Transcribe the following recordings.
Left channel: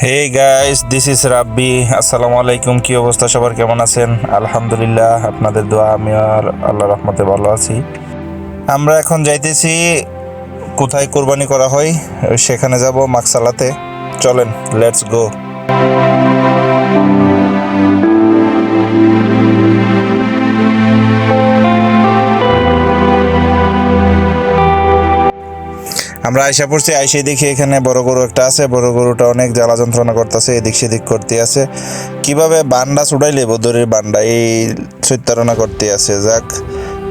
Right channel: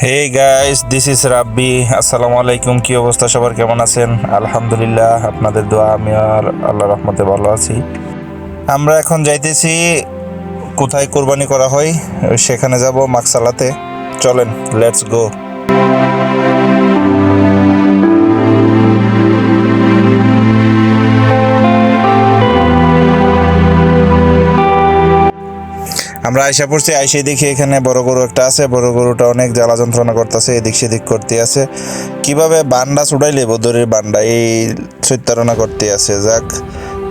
Hey guys, this is রাব্বি। আসসালামু আলাইকুম। কি অবস্থা সবার, কেমন আছেন? আলহামদুলিল্লাহ, আপনাদের দোয়া আমি আর আল্লাহ রহমতে ভালো আছি। আমরা এখন যাইতেছি কোথায় কোরবানি করা হয়, সেখানে যাব মাকসালাতে। চলেন, লেটস গো। আমরা আইসা পড়ছি, আইসে দেখি এখানে বড় গরু একটা আছে। বড় গরুটা অনেক জ্বালা যন্ত্রণা করতেছে, এদিক সেদিক করতে আছে। কিভাবে বান্ডা ছুটাইলে বদরের বান্ডা এই চিত্তারণা করতে আছে। যাক,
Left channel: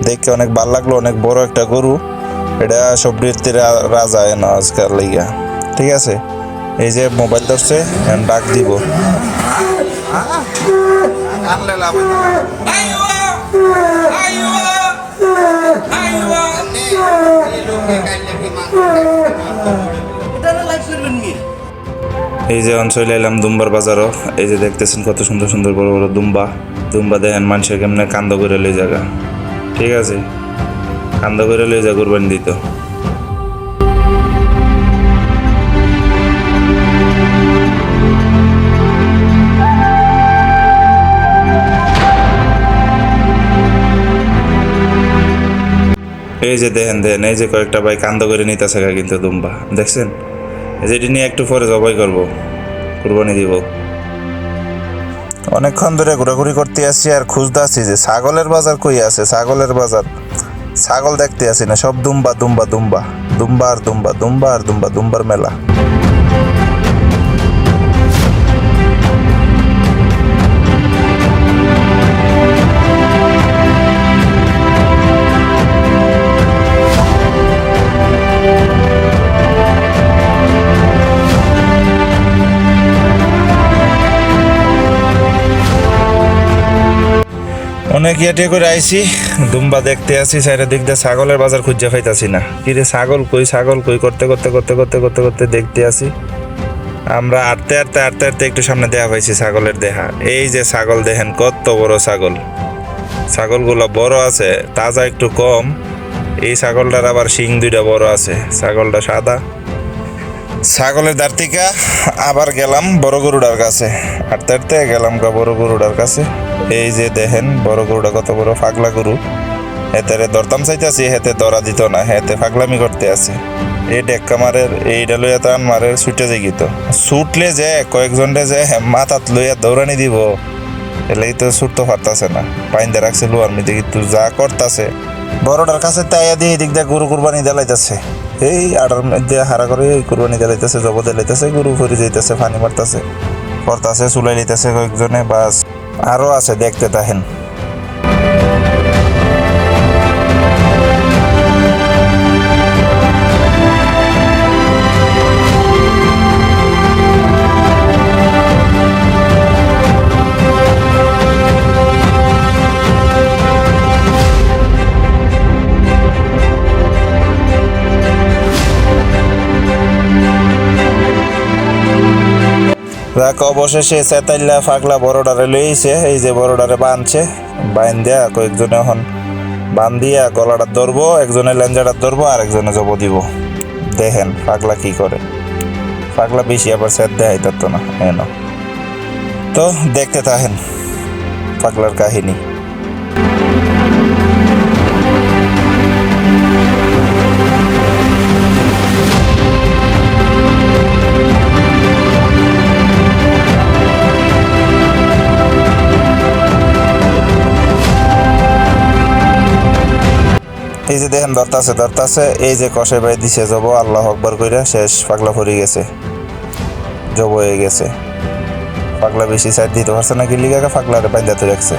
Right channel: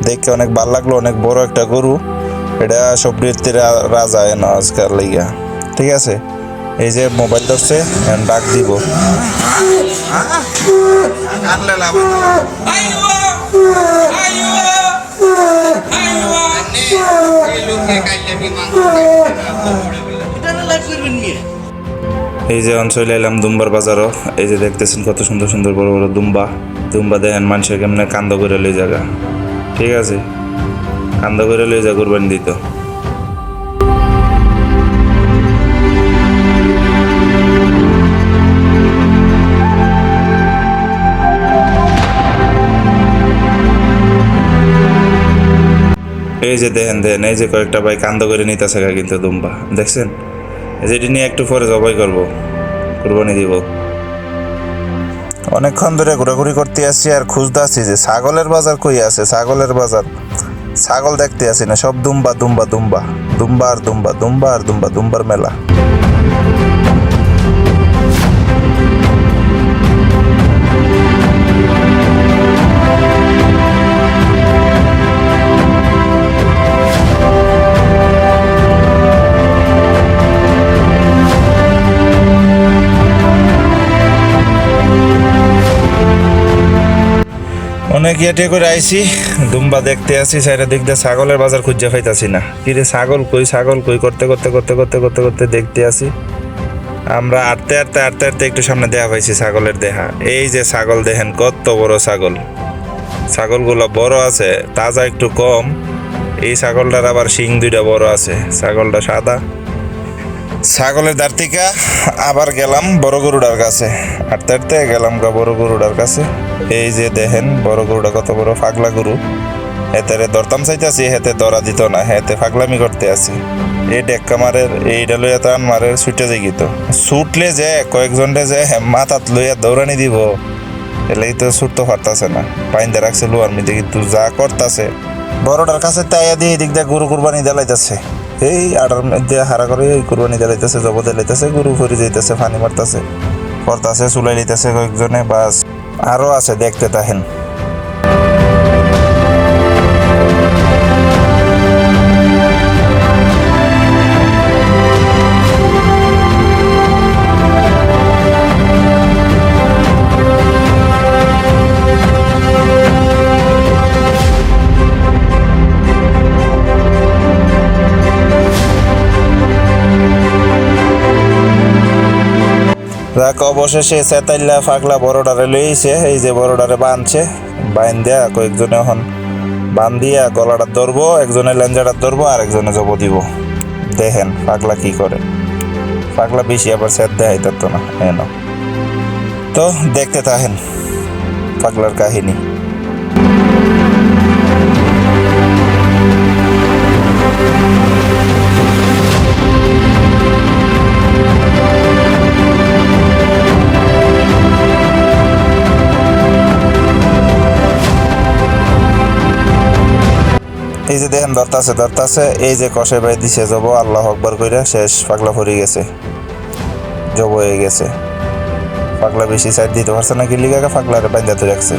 দেখে অনেক ভাল লাগলো, অনেক বড় একটা গরু। এটা সবরির রাজা এন আজকাল লাইগা। ঠিক আছে, এই যে মোবাইল ধরছে, এখন ডাক দিব। এই যে অঞ্চল এলাম দুম্বার বাজারও। এই যে দেখতেছেন কত সুন্দর সুন্দর বড় বড় দুম্বা। দুম্বা দেখেন মানুষের কেমনে কান্দ করে লই জায়গা। ঠিক আছে, কান্দ করে লই যা কুরবানি দিত। এই যে দেখেন দেখেন, এই যে কয়েকটা ভাই কান্দ করে নিতেছে কিন্তু দুম্বা দেখছেন। যেটি নিয়ে একটু পরে জবাই করবো, কুরবানি দিব। অনেকক্ষণ ধরে ঘোরাঘুরি করতে আসছি আর খুঁজতে আসছি যে ছাগলের বাজার কই আছে। ছাগলের বাজার, ছাগল দেখতে আসি না, সব দুম্বা দুম্বা দুম্বা। দুম্বা আর দুম্বা, দুম্বা আর দুম্বা, দুম্বার মেলা। অনেক ইয়াটে করে আইছি, দুম্বা দেখতে আসি। সাইডের দিক দিয়ে ছাগলের বাজার খুঁজে পাইতাছি না। কিরে ছাগল কই, ছাগল কই করতে করতে করতে করতে করতে করতে দেখতে আসি। আমরা আটতে আটতে আটতে আটতে একটু সামনে দেখা পাইছি ছাগলের দেহা। এই যে ছাগল দেখেন, কত বড় ছাগল। ছাগলগুলো বড় আছে, তাজা একটু কম। এই ছাগলটার আবার শিং দুইটা বড় আছে। ছাগলটা সাদা। ছাগলের দাঁড় থেকে আবার গেলাম বড় গরুটার কাছে। আটতে আটতে গেলাম বড় গরুটার কাছে। এই যে দেখেন বড় গরুটা কত বড়, পাগলা গরু। হেতে দরতাম চাইতেছি, হেতে দরা দিত না, হেতে পাগলামি করতে আছে। এই ডেক্কা মারের, এইটা লইয়া টান মারের, ছুটে যাই গিত। ছুটলে যে কয়েকজনটা যে মাথাত লইয়া দৌড়ানি দিব, এলেই তো ছুটতে পারতাছে না। পাইন্দা রাখছে লোয়ার মিদে, কিন্তু যা করতাছে। বড়টার কাছে তাইয়া দিয়ে এদিক দিয়ে গরু কুরবানি দেলাইতেছে। এই আটার মধ্যে হারা করে এই কুরবানি দেলাইতেছে, জব দেলাইতেছে, গরু ফরি যাইতেছে, পানি মারতেছে, করতেছে, চুলাই লিতেছে কয়েকজনে। বাস আরো আছে, দেখতে তাহেন। যাক, অবশেষে চেতাইল্লা ফাগলা বড়ডারে লইছে। এই যে বড়ডারে বাঁধছে, বাইন দেয়া কয়েকজনে এখন বান্ধিয়া গলাটা ধরবো, একজনে লেঞ্জাটা ধরবো, আর একজনে জব দিব। দেখেন পাগলা কি করে। পাগলা বেশি আবার স্যাদ দেয় তো না এন। তো দেখতে থাকেন পাগলার কাহিনী। এই যে দেখেন ধরতাছে ধরতাছে, এই যে কষাই বাই দিছে জব, আল্লাহ আকবার কইরা শেষ। পাগলা ফরি গেছে, জব হয়ে গেছে। পাগলা বেশি সাইড দিতে পারছে না, গিল্লি কাকা পাগলারে বান্ধাতে রাখছে।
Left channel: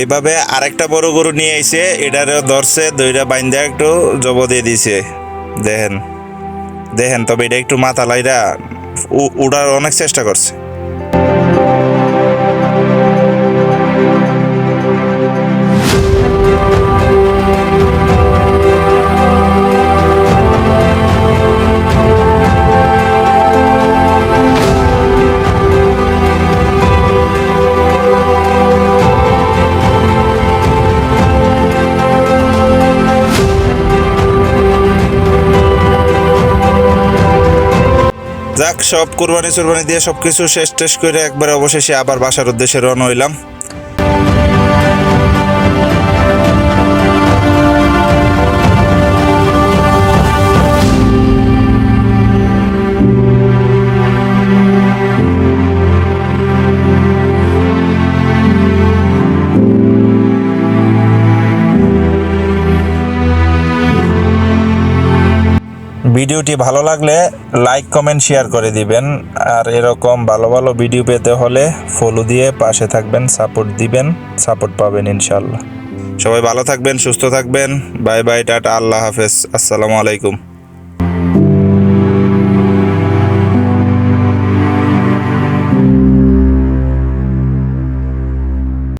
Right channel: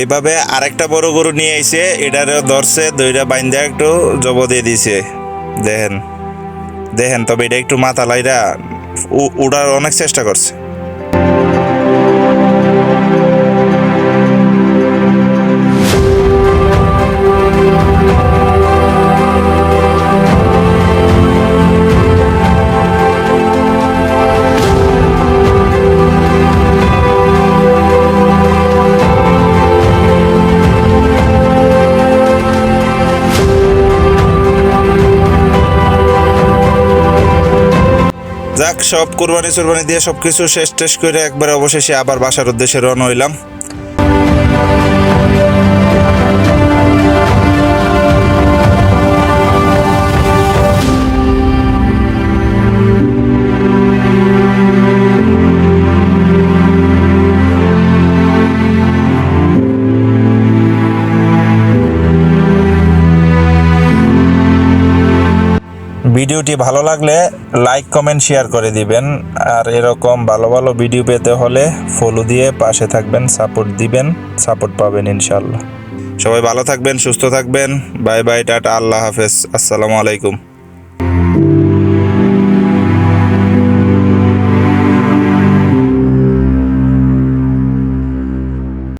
এইভাবে আরেকটা বড় গরু নিয়ে আইছে, এটারেও ধরছে, দইটা বাইন্দা একটু জব দিয়ে দিছে। দেখেন দেখেন, তবে এটা একটু মাথা লাইরা উড়ার অনেক চেষ্টা করছে। যাক, সব কুরবানি চুরবানি দিয়ে সবকিছু শেষ টেস করে একবারে অবশেষে আবার বাসার উদ্দেশ্যে রওনা হইলাম। ভিডিওটি ভালো লাগলে লাইক কমেন্ট শেয়ার করে দিবেন, আর এরকম ভালো ভালো ভিডিও পেতে হলে ফলো দিয়ে পাশে থাকবেন, সাপোর্ট দিবেন, সাপোর্ট পাবেন ইনশাল্লাহ। সবাই ভালো থাকবেন, সুস্থ থাকবেন। বাই বাই, টাটা, আল্লাহ হাফেজ, আসসালামু আলাইকুম।